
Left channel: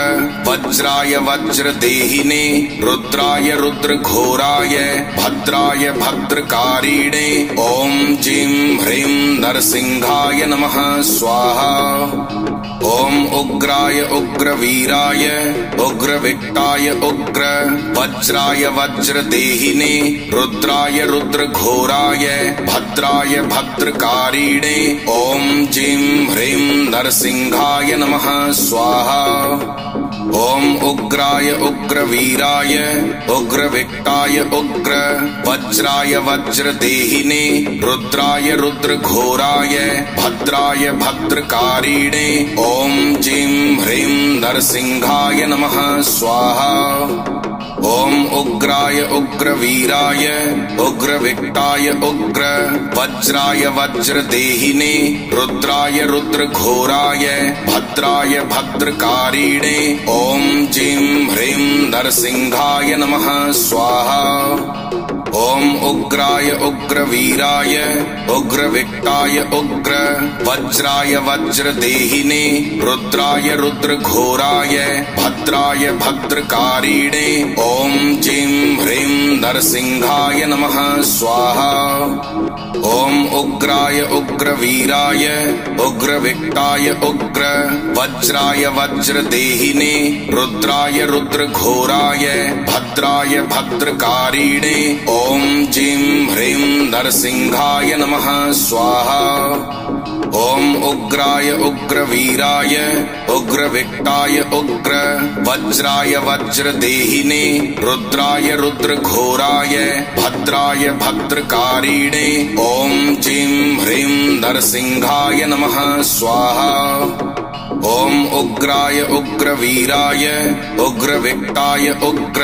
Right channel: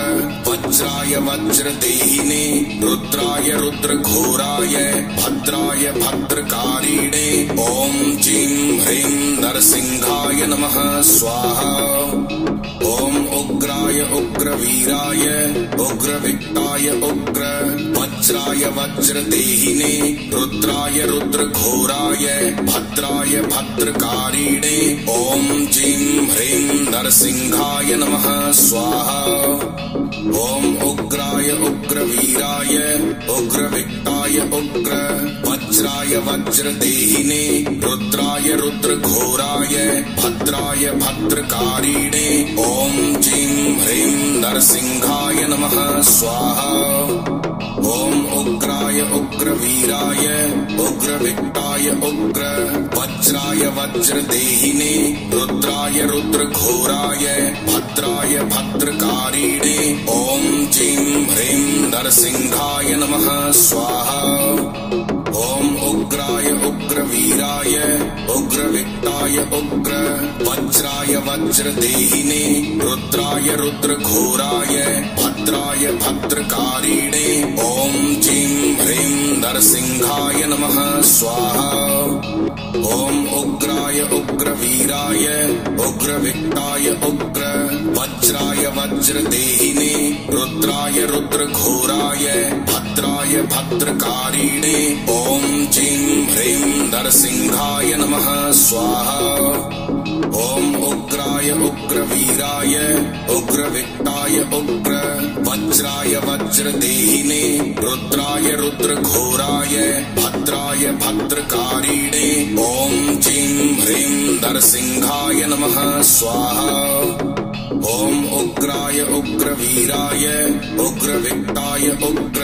वज्राय वज्रदेहिने रुद्राय रुद्रघोराय भद्राय भद्रकारिणे ओम जीं ह्रीं नरसिंहाय नमः स्वाहा। ओम उग्राय उग्रवीराय उग्रविक्ताय उग्र वज्राय वज्रदेहिने रुद्राय रुद्रघोराय भद्राय भद्रकारिणे ओम जीं ह्रीं नरसिंहाय नमः स्वाहा। ओम उग्राय उग्रवीराय उग्रविक्ताय उग्र वज्राय वज्रदेहिने रुद्राय रुद्रघोराय भद्राय भद्रकारिणे ओम जीं ह्रीं नरसिंहाय नमः स्वाहा। ओम उग्राय उग्रवीराय उग्रविक्ताय उग्र वज्राय वज्रदेहिने रुद्राय रुद्रघोराय भद्राय भद्रकारिणे ओम जीं ह्रीं नरसिंहाय नमः स्वाहा। ओम उग्राय उग्रवीराय उग्रविक्ताय उग्र वज्राय वज्रदेहिने रुद्राय रुद्रघोराय भद्राय भद्रकारिणे ओम जीं ह्रीं नरसिंहाय नमः स्वाहा। ओम उग्राय उग्रवीराय उग्रविक्ताय उग्र वज्राय वज्रदेहिने रुद्राय रुद्रघोराय भद्राय भद्रकारिणे ओम जीं ह्रीं नरसिंहाय नमः स्वाहा। ओम उग्राय उग्रवीराय उग्रविक्ताय उग्र वज्राय वज्रदेहिने रुद्राय रुद्रघोराय भद्राय भद्रकारिणे ओम जीं ह्रीं नरसिंहाय नमः स्वाहा। ओम उग्राय उग्रवीराय उग्रविक्ताय उग्र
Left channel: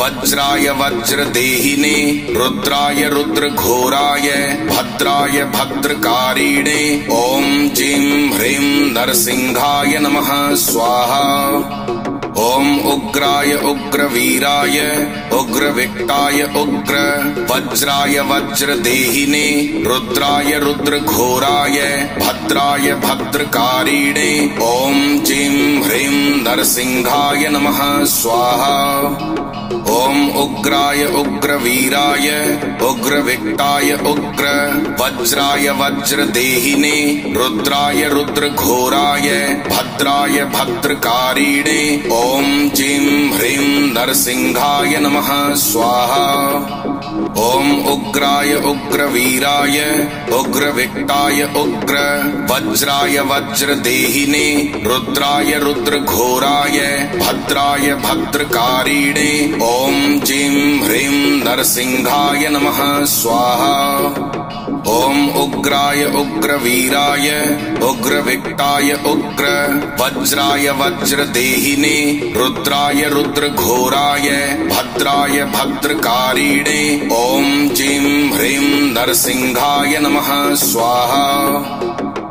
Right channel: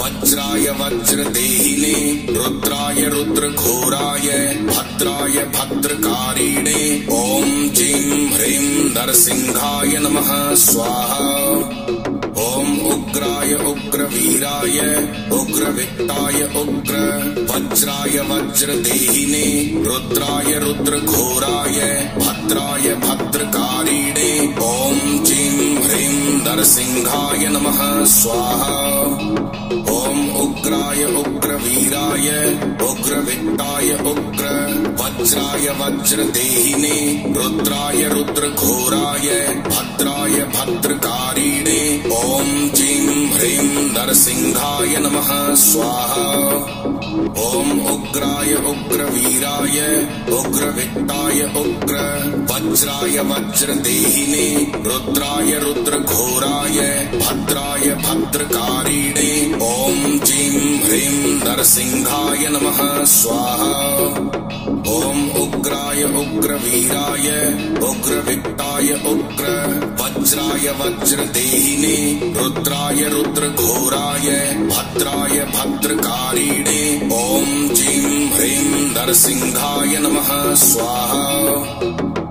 वज्राय वज्रदेहिने रुद्राय रुद्रघोराय भद्राय भद्रकारिणे ओम जीं ह्रीं नरसिंहाय नमः स्वाहा। ओम उग्राय उग्रवीराय उग्रविक्ताय उग्र वज्राय वज्रदेहिने रुद्राय रुद्रघोराय भद्राय भद्रकारिणे ओम जीं ह्रीं नरसिंहाय नमः स्वाहा। ओम उग्राय उग्रवीराय उग्रविक्ताय उग्र वज्राय वज्रदेहिने रुद्राय रुद्रघोराय भद्राय भद्रकारिणे ओम जीं ह्रीं नरसिंहाय नमः स्वाहा। ओम उग्राय उग्रवीराय उग्रविक्ताय उग्र वज्राय वज्रदेहिने रुद्राय रुद्रघोराय भद्राय भद्रकारिणे ओम जीं ह्रीं नरसिंहाय नमः स्वाहा। ओम उग्र उग्राय उग्रवीराय उग्रविक्टाय उग्र वज्राय वज्रदेहिने रुद्राय रुद्रघोराय भद्राय भद्रकारिणे ओम जीं ह्रीं नरसिंहाय नमः स्वाहा।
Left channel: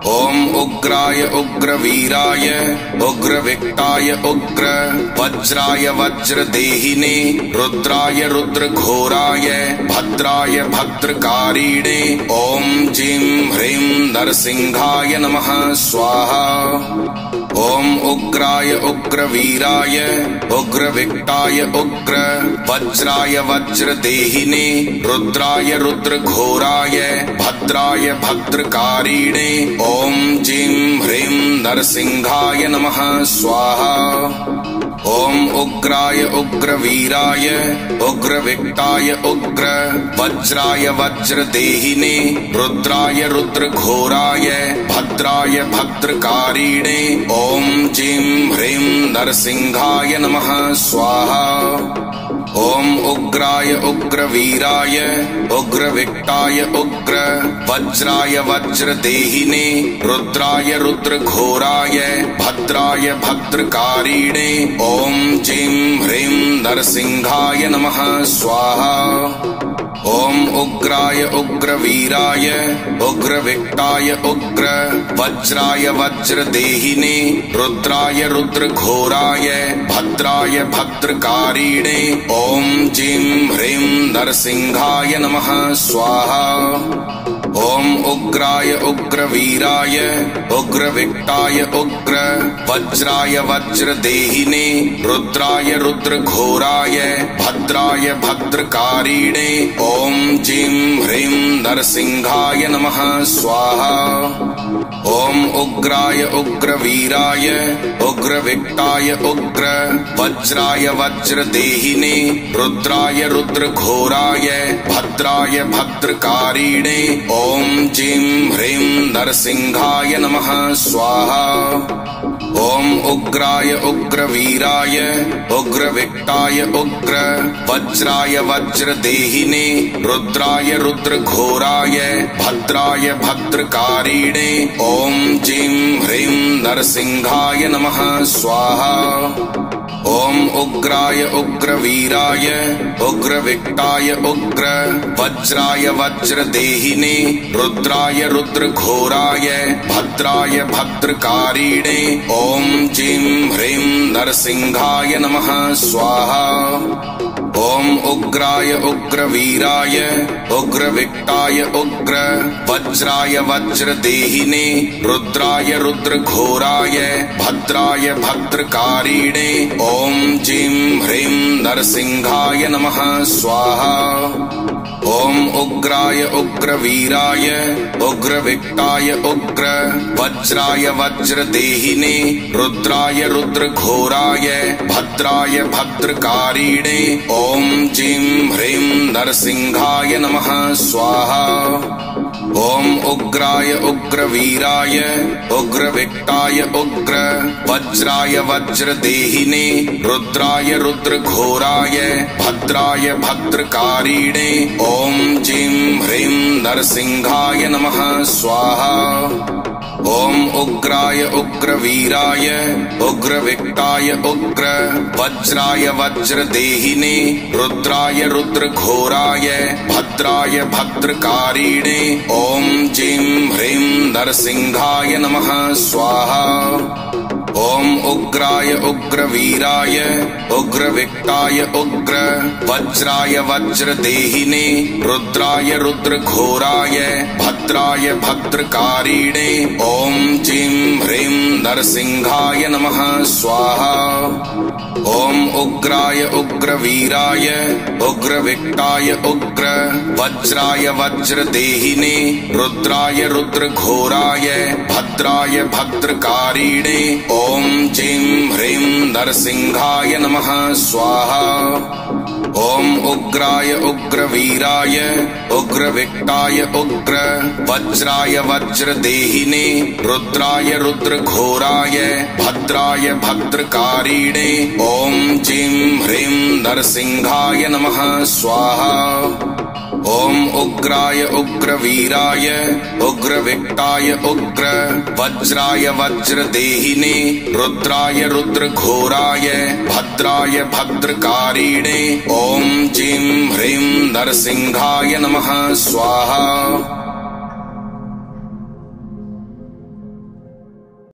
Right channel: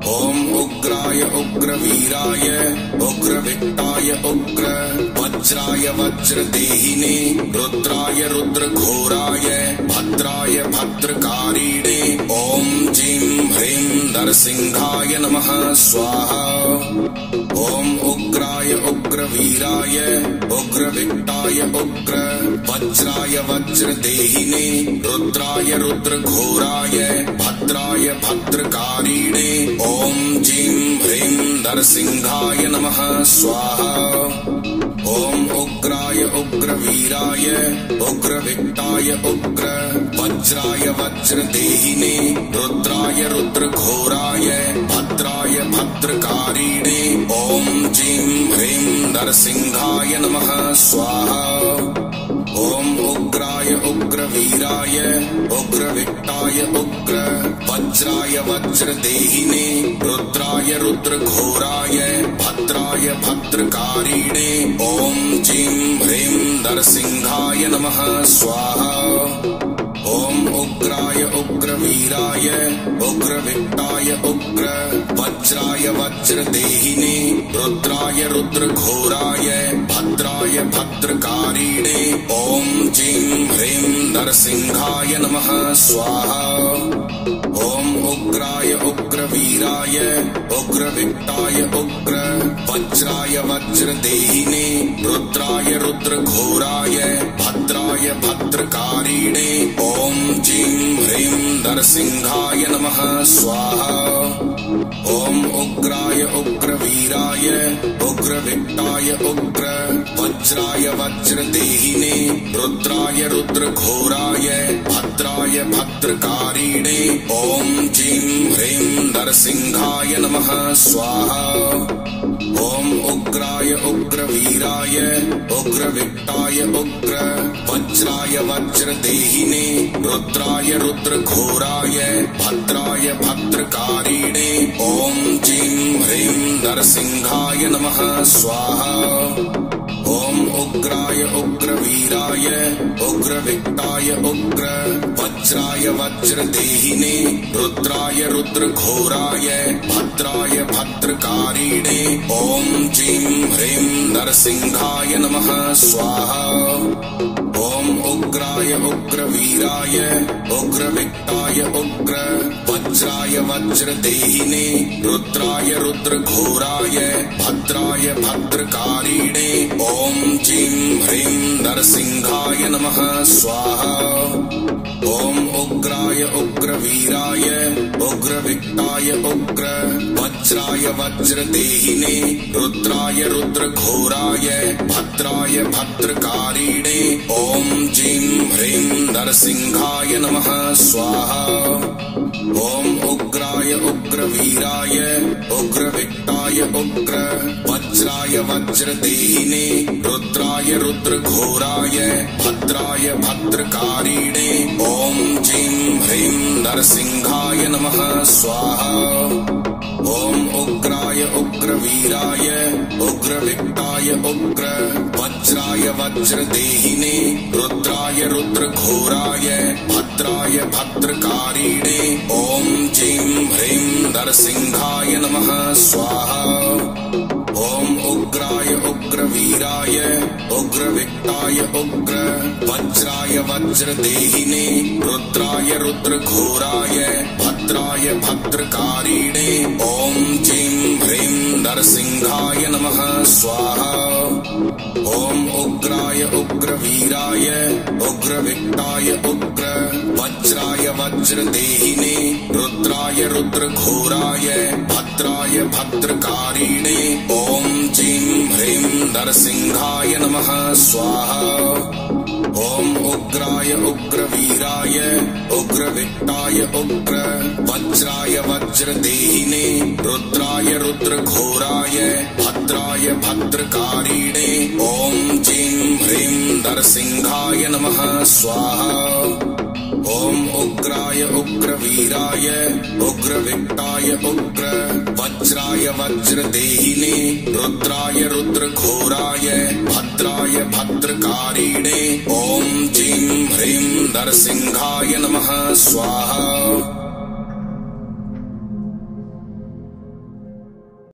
ओम उग्राय उग्रवीराय उग्रविक्टाय उग्र वज्राय वज्रदेहिने रुद्राय रुद्रघोराय भद्राय भद्रकारिणे ओम जीं ह्रीं नरसिंहाय नमः स्वाहा। ओम उग्राय उग्रवीराय उग्रविक्टाय उग्र वज्राय वज्रदेहिने रुद्राय रुद्रघोराय भद्राय भद्रकारिणे ओम जीं ह्रीं नरसिंहाय नमः स्वाहा। ओम उग्राय उग्रवीराय उग्रविक्टाय उग्र वज्राय वज्रदेहिने रुद्राय रुद्रघोराय भद्राय भद्रकारिणे ओम जीं ह्रीं नरसिंहाय नमः स्वाहा। ओम उग्राय उग्रवीराय उग्रविक्टाय उग्र वज्राय वज्रदेहिने रुद्राय रुद्रघोराय भद्राय भद्रकारिणे ओम जीं ह्रीं नरसिंहाय नमः स्वाहा। ओम उग्राय उग्रवीराय उग्रविक्टाय उग्र वज्राय वज्रदेहिने रुद्राय रुद्रघोराय भद्राय भद्रकारिणे ओम जीं ह्रीं नरसिंहाय नमः स्वाहा। ओम उग्राय उग्रवीराय उग्रविक्टाय उग्र वज्राय वज्रदेहिने रुद्राय रुद्रघोराय भद्राय भद्रकारिणे ओम जीं ह्रीं नरसिंहाय नमः स्वाहा। ओम उग्राय उग्रवीराय उग्रविक्टाय उग्र वज्राय वज्रदेहिने रुद्राय रुद्रघोराय भद्राय भद्रकारिणे ओम जीं ह्रीं नरसिंहाय नमः स्वाहा। ओम उग्राय उग्रवीराय उग्रविक्टाय उग्र वज्राय वज्रदेहिने रुद्राय रुद्रघोराय भद्राय भद्रकारिणे ओम जीं ह्रीं नरसिंहाय नमः स्वाहा। ओम उग्राय उग्रवीराय उग्रविक्टाय उग्र वज्राय वज्रदेहिने रुद्राय रुद्रघोराय भद्राय भद्रकारिणे ओम जीं ह्रीं नरसिंहाय नमः स्वाहा। ओम उग्राय उग्रवीराय उग्रविक्टाय उग्र वज्राय वज्रदेहिने रुद्राय रुद्रघोराय भद्राय भद्रकारिणे ओम जीं ह्रीं नरसिंहाय नमः स्वाहा। ओम उग्राय उग्रवीराय उग्रविक्टाय उग्र वज्राय वज्रदेहिने रुद्राय रुद्रघोराय भद्राय भद्रकारिणे ओम जीं ह्रीं नरसिंहाय नमः स्वाहा। ओम उग्राय उग्रवीराय उग्रविक्टाय उग्र वज्राय वज्रदेहिने रुद्राय रुद्रघोराय भद्राय भद्रकारिणे ओम जीं ह्रीं नरसिंहाय नमः स्वाहा। ओम उग्राय उग्रवीराय उग्रविक्टाय उग्र वज्राय वज्रदेहिने रुद्राय रुद्रघोराय भद्राय भद्रकारिणे ओम जीं ह्रीं नरसिंहाय नमः स्वाहा। ओम उग्राय उग्रवीराय उग्रविक्टाय उग्र वज्राय वज्रदेहिने रुद्राय रुद्रघोराय भद्राय भद्रकारिणे ओम जीं ह्रीं नरसिंहाय नमः स्वाहा। ओम उग्राय उग्रवीराय उग्रविक्टाय उग्र वज्राय वज्रदेहिने रुद्राय रुद्रघोराय भद्राय भद्रकारिणे ओम जीं ह्रीं नरसिंहाय नमः स्वाहा। ओम उग्राय उग्रवीराय उग्रविक्टाय उग्र वज्राय वज्रदेहिने रुद्राय रुद्रघोराय भद्राय भद्रकारिणे ओम जीं ह्रीं नरसिंहाय नमः स्वाहा। ओम उग्राय उग्र उग्रवीराय उग्रविक्ताय उग्र वज्राय वज्रदेहिने रुद्राय रुद्रघोराय भद्राय भद्रकारिणे ओम जीं ह्रीं नरसिंहाय नमः स्वाहा।